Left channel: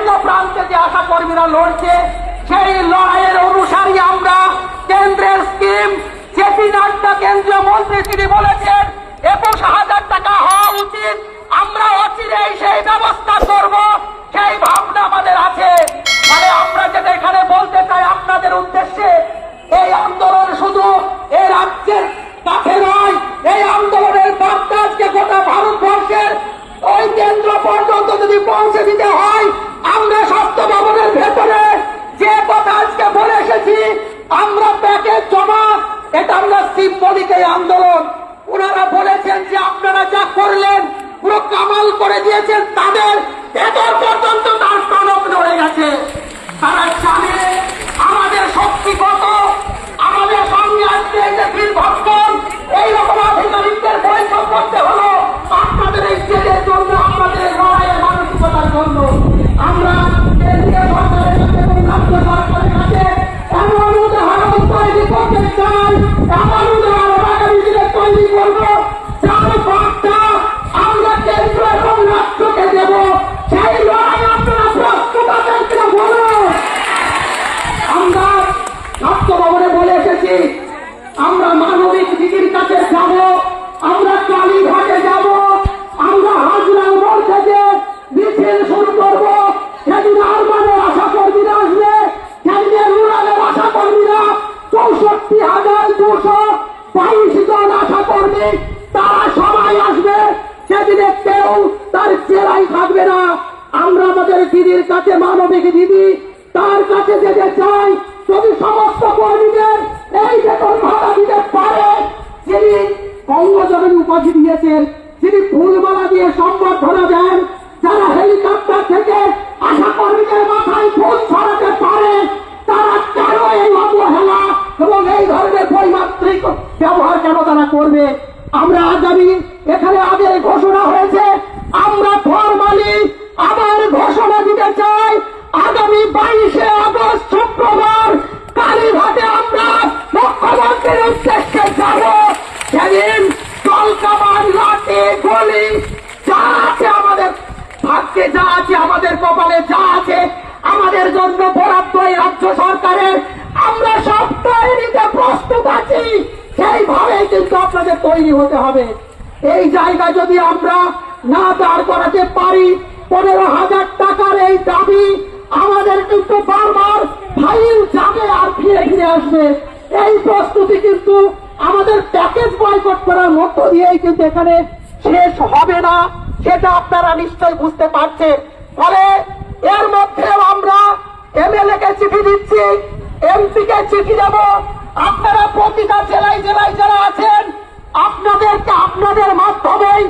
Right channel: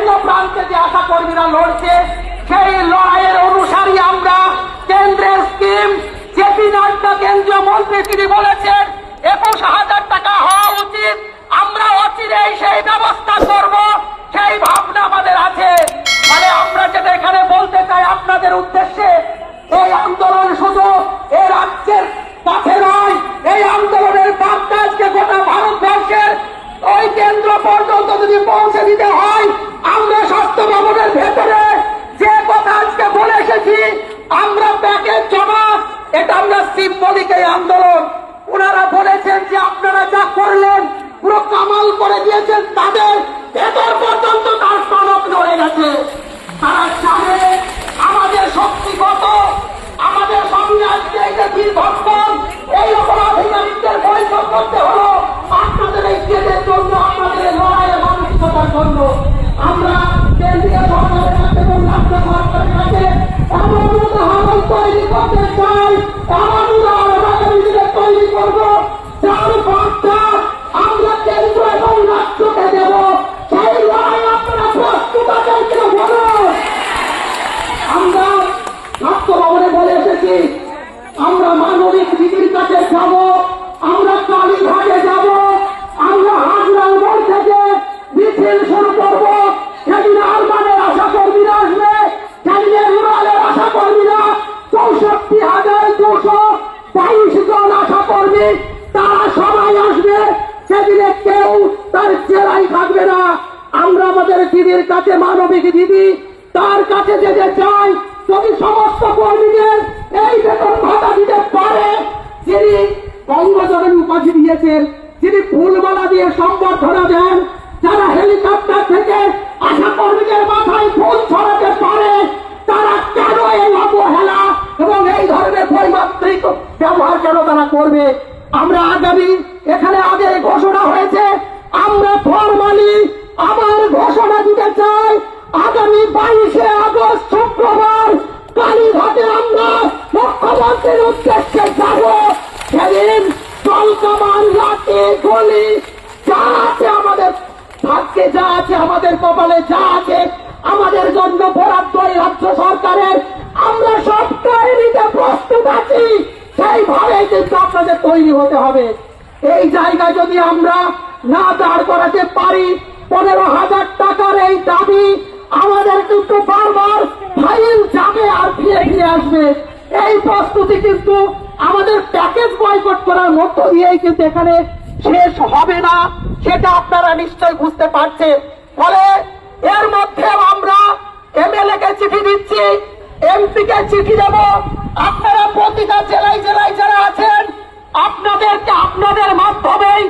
বিভিন্ন প্রান্তে যে আশা কর্মীরা লড়ছে, সেই লড়াইয়ের অনুসারী আমরা। কেন্দ্রের স্কিম জেপি নাড্ডা কেন্দ্রীয় মন্ত্রী তিনি বলেছেন 21,000 টাকা হওয়া উচিত। আমরা অচিরেই সেই ব্যবস্থা করব, সেই ভাবনা আমাদের আছে। মানে আমরা যেটা এখানে বলতে চাই আপনাদের উদ্দেশ্যে, এই আন্দোলন শুধু এই রাজ্যের কাছে নয়, এই আন্দোলনের বার্তা আজকে গোটা ভারতবর্ষের ওই কেন্দ্র পর্যন্ত যদি পৌঁছে দিতে হয়, আমরা স্বাস্থ্য ভবনের ভেতরে যে কথা আজকে বলে এসেছি, আমরা প্যাকেজ জমা, এটা আমরা সিম্বলিক এই আন্দোলন। ওনারা বলেছেন যে আপনারা যা করলেন পুরো কামাল করে দিয়েছেন, তাদের ভেতর পর্যন্ত তার স্তনক নড়ে গেছে। তারা জানে আমাদের শক্তি কত, আমাদের সঙ্গে আজকে এই যে দীর্ঘক্ষণ এইরকম আধিকারিকদের বৈঠক করতে হলো আপনাদের এই জেলের জন্য, আমাদের লড়াইয়ের মানসিকতার জন্য। আমরা কেন্দ্রীয় সরকারের কাছে এবং রাজ্য সরকারের কাছে এমন উদাহরণ তৈরি করতে চাই, এমন উদাহরণ আগামী দিনে তৈরি করবো, যার বার্তা আমরা কেন্দ্র এবং রাষ্ট্রকে দেব। সেই লড়াই আপনারা প্রস্তুত আছেন কিনা বলুন। আমরা স্বাস্থ্য ভবনে বলে এসেছি, আমরা মানবিক দিদির কাছে যাব, আমরা কালীঘাটে যাব, আমরা হাজরাল মোড় থেকে মিছিল শুরু করব। সেদিন আরবানের আশা কর্মীরা আসবে, সেদিনে রুরালের আশা কর্মীরা 64,222 জন আশা কর্মী, তারা সবাই আসবে। সেদিনে কেউ তার চেলায় থাকবে না। আমরা আমাদের দিদির কাছে, মানবিক দিদি, তার কাছে যেতে চাই। যদি সমস্ত কর্মীদের এই বেতন ভাতা দিতে পারে, যিনি বঙ্গজননী উপাধি দিয়েছেন, যিনি ফুলমালা দিয়ে সম্বর্ধনা দেন, যারা হেলিকপ্টার থেকে আশা কর্মীদের মাথায় ফুল ছড়াতে পারে, তারা কেন এই অবহেলা এবং এই ধরনের বৈমাত্রিক ব্যবহার কেন তারা করবে? আমরা আগামী, এখানে আগে ঘোষণা হয়েছে, আমরা ফরমালি আবার ঘোষণা দিতে চাই, আগামী 22শে আগস্ট শুক্রবার কালীঘাটে আমরা মুখ্যমন্ত্রীর উদ্দেশ্যে যাব। সেদিন জলকামান, লাঠি, গুলি যা আছে আমাদের ভাগ্যে, যা আছে আমাদের কপালে, যা আছে আমাদের জন্য বরাদ্দ এই রাজ্য সরকারের, আমরা সব তৈরিতে প্রস্তুত আছি। সেইভাবে কিন্তু আপনাদের তৈরি হতে হবে। এই জায়গায় যদি আমরা না দাঁড় করাতে পারি, 15,000 টাকার এই দাবি আমাদের কিন্তু বারবার ফাইল যাবে আর ফিরে ফিরে আসবে। এই প্রস্তুতি কিন্তু আমাদের প্যাকেজ বয়কট করার মধ্য দিয়েই কিন্তু এখানে শেষ হবে না, সেটা আপনারা নিশ্চয় বুঝতে পারছেন। ফলে এর মধ্যেও আমরা এমএলএ কে চিঠি দিচ্ছি, এমপি কে চিঠি দেব। আপনারা প্রতিটা জেলায় জেলায় যারা আছেন, আপনাদেরকে আপনাদের মাধ্যমেই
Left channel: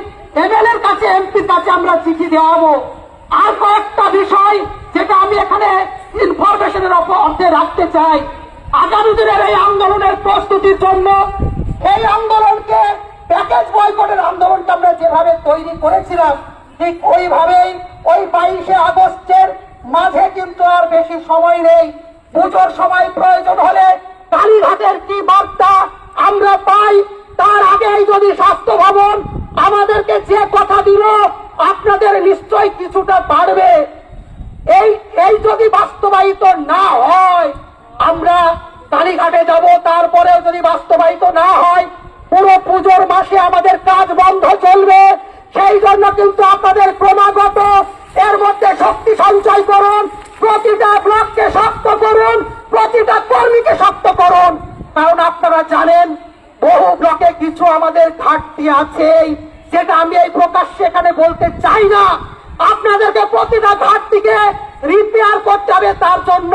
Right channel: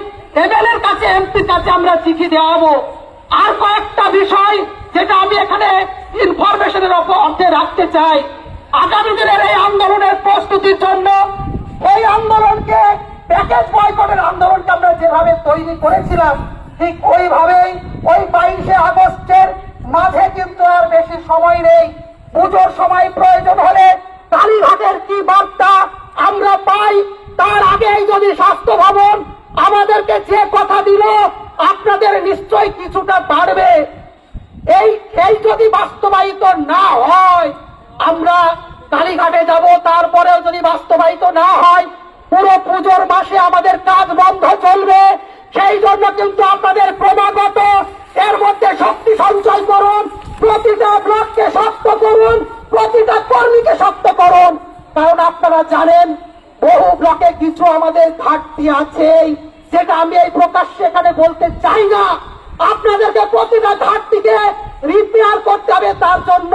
এমএলএর কাছে, এমপির কাছে আমরা চিঠি দেওয়াবো। আর কয়েকটা বিষয় যেটা আমি এখানে ইনফরমেশনের অর্থে রাখতে চাই। আগামী দিনের এই আন্দোলনের প্রস্তুতির জন্য, এই আন্দোলনকে, প্যাকেজ বয়কটের আন্দোলনকে আমরা যেভাবে তৈরি করেছিলাম, ঠিক ওইভাবেই ওই 22শে আগস্টের মাঝে কিন্তু আর বেশি সময় নেই। পুজোর সময় প্রয়োজন হলে কালীঘাটের কি বার্তা আমরা পাই, তার আগেই যদি স্বাস্থ্য ভবন আমাদেরকে যে কথা দিল, আপনাদের নিশ্চয় কিছুটা বাড়বে। এই যদি বাস্তবায়িত না হয়, আমরা কালীঘাটে যাব, তারপরেও যদি বাস্তবায়িত না হয়, পুরো পুজোর মাসে আমাদের কাজ বন্ধ চলবে। সেই জন্য কিন্তু আপনাদের ক্রমাগত এর মধ্যে শক্তি সঞ্চয় করুন, প্রতিটা ব্লককে শক্ত করুন, প্রতিটা কর্মীকে শক্ত করুন। কারণ আপনারা জানেন বহু ব্লকে কিছু আমাদের ঘাটতি আছে, যেটা আমি এই প্রকাশ্যে এখানে বলতে চাই না। আপনাদেরকে প্রতিটা ঘাটতিকে রিপেয়ার করতে হবে, তার জন্য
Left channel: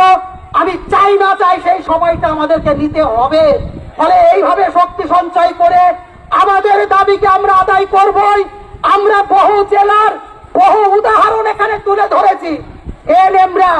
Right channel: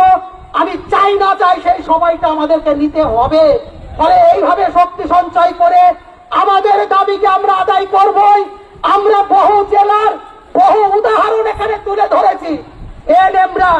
আমি চাই না চাই সেই সময়টা আমাদেরকে নিতে হবে। ফলে এইভাবে শক্তি সঞ্চয় করে আমাদের দাবিকে আমরা আদায় করবই। আমরা বহু জেলার বহু উদাহরণ এখানে তুলে ধরেছি। এনএমরা